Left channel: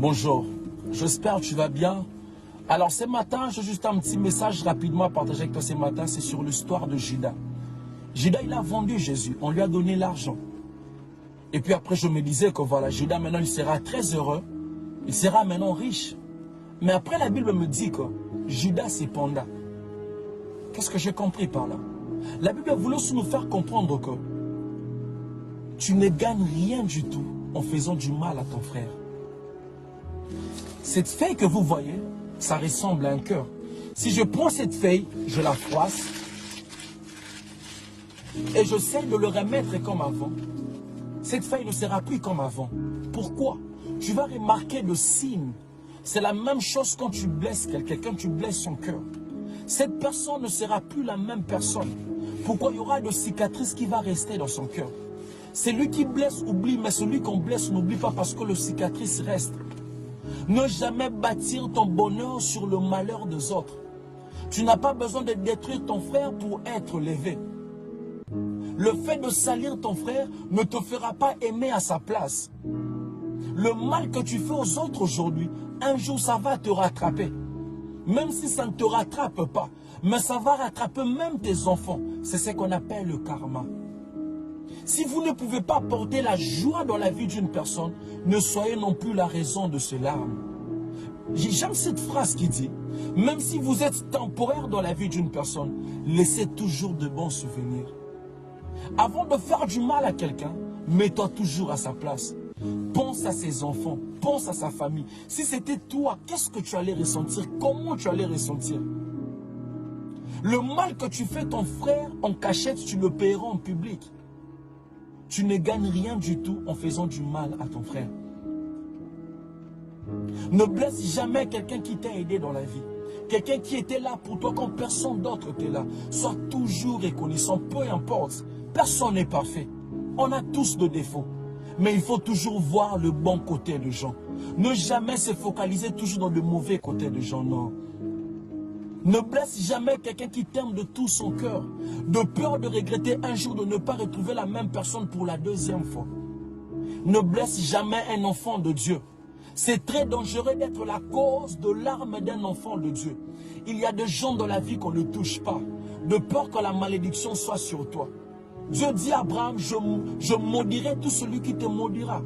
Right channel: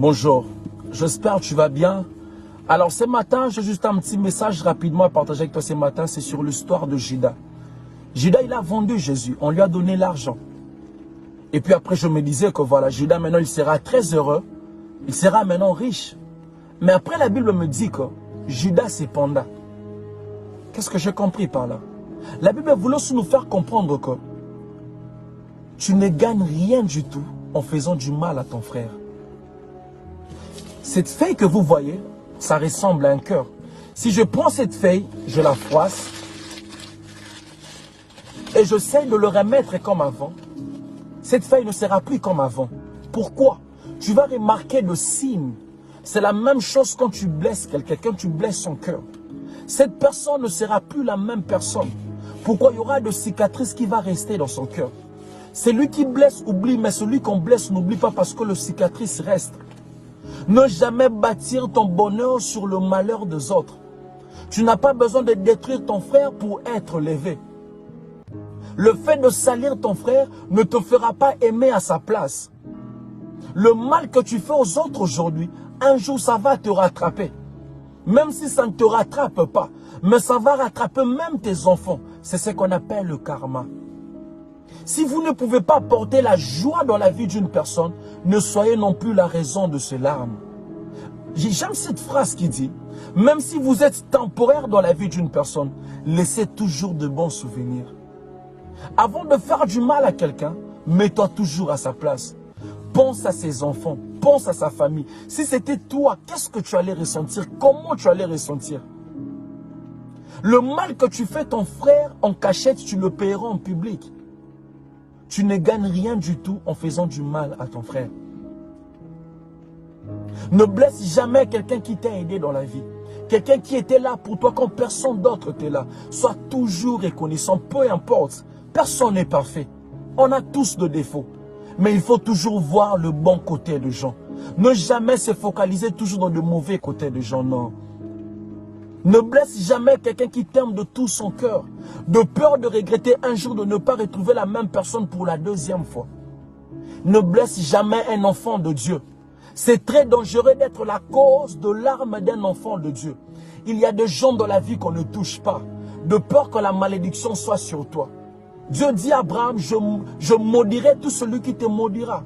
Bonjour, j'espère que tu vas bien. Alors ce matin, j'ai juste un petit message rapidement à partager avec toi ce matin, c'est sur l'histoire de Judas. Judas, il a vendu Jésus, on lui a donné l'argent. Et puis après, je me disais que voilà, Judas maintenant, il sera très heureux, il sera maintenant riche. Mais après, la Bible me dit que Judas cependant, qu'est-ce que j'ai compris par là? La Bible voulait aussi nous faire comprendre que tu ne gagnes rien du tout en faisant du mal à ton frère. Cette feuille que vous voyez, ça ressemble à un cœur. Si je prends cette feuille, je la froisse et j'essaie de le remettre comme avant, cette feuille ne sera plus comme avant. Pourquoi? Tu vas remarquer le signe. C'est la même chose quand tu blesses quelqu'un, tu blesses son cœur. Cette personne ne sera plus la même personne. Pourquoi? Il y aura de cicatrices qui vont rester dans son cœur. Celui qui blesse oublie, mais celui qu'on blesse n'oublie pas parce que le cicatrice reste. Ne jamais bâtir ton bonheur sur le malheur des autres. Tu n'as pas besoin de détruire ton frère pour être levé. Le fait de salir ton frère ne te fera pas aimer à sa place. Le mal que tu fais aux autres aujourd'hui, un jour ça va te rattraper. Même si ça ne te rattrape pas, mais ça va rattraper même tes enfants. C'est ce qu'on appelle le karma. Si vous ne pouvez pas porter la joie dans la vie d'une personne, ne soyez non plus la raison de ses larmes. J'aime cette phrase qui dit, même si vous êtes temporaire dans la vie d'une personne, laissez toujours de bons souvenirs. Avant de faire du mal à quelqu'un, mets-toi toujours à sa place. Pense à ses enfants, pense à sa famille. Si c'était toi, qu'est-ce que tu allais ressentir? Comment tu allais ressentir? Le mal que tu fais ton frère en cachette, tu le paieras en public. Tu ne gagnes rien du tout en faisant du mal à ton frère. Ne blesse jamais quelqu'un qui t'a aidé dans la vie. Quelqu'un qui était là pour toi quand personne d'autre était là. Sois toujours reconnaissant, peu importe. Personne n'est parfait. On a tous des défauts. Mais il faut toujours voir le bon côté des gens. Ne jamais se focaliser toujours dans le mauvais côté des gens, non. Ne blesse jamais quelqu'un qui t'aime de tout son cœur. De peur de regretter un jour de ne pas retrouver la même personne pour la deuxième fois. Ne blesse jamais un enfant de Dieu. C'est très dangereux d'être la cause de larmes d'un enfant de Dieu. Il y a des gens dans la vie qu'on ne touche pas, de peur que la malédiction soit sur toi. Dieu dit à Abraham, je maudirai tout celui qui te maudira.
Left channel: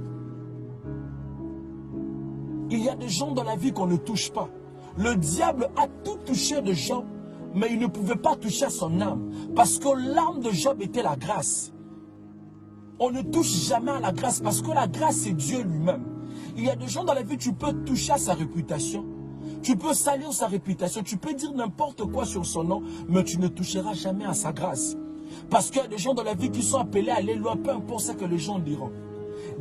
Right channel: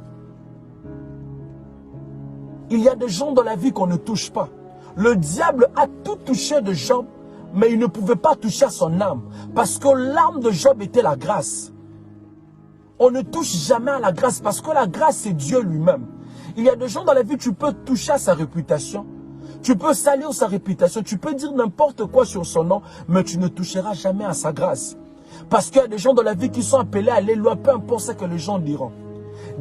Il y a des gens dans la vie qu'on ne touche pas. Le diable a tout touché de Job, mais il ne pouvait pas toucher à son âme, parce que l'âme de Job était la grâce. On ne touche jamais à la grâce, parce que la grâce, c'est Dieu lui-même. Il y a des gens dans la vie, tu peux toucher à sa réputation. Tu peux salir sa réputation. Tu peux dire n'importe quoi sur son nom, mais tu ne toucheras jamais à sa grâce. Parce qu'il y a des gens dans la vie qui sont appelés à aller loin, peu importe ce que les gens diront.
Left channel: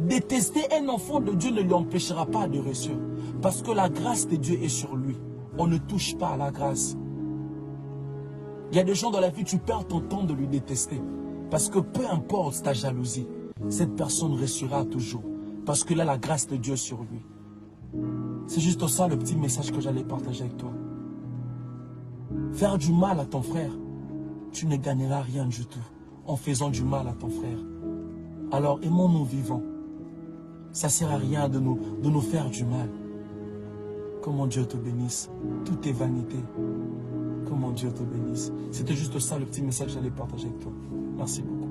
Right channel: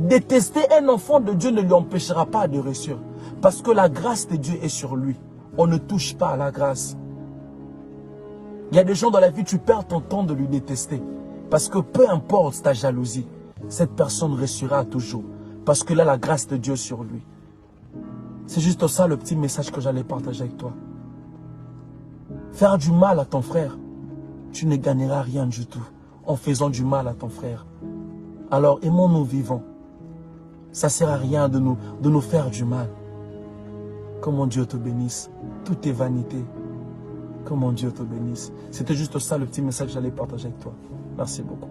Détester un enfant de Dieu ne lui empêchera pas de réussir. Parce que la grâce de Dieu est sur lui. On ne touche pas à la grâce. Il y a des gens dans la vie, tu perds ton temps de lui détester. Parce que peu importe ta jalousie, cette personne réussira toujours. Parce que là, la grâce de Dieu sur lui. C'est juste ça le petit message que j'allais partager avec toi. Faire du mal à ton frère, tu ne gagneras rien du tout en faisant du mal à ton frère. Alors aimons-nous vivants. Ça ne sert à rien de nous faire du mal. Que mon Dieu te bénisse. Tout est vanité. Que mon Dieu te bénisse. C'était juste ça le petit message que j'allais partager avec toi. Merci beaucoup.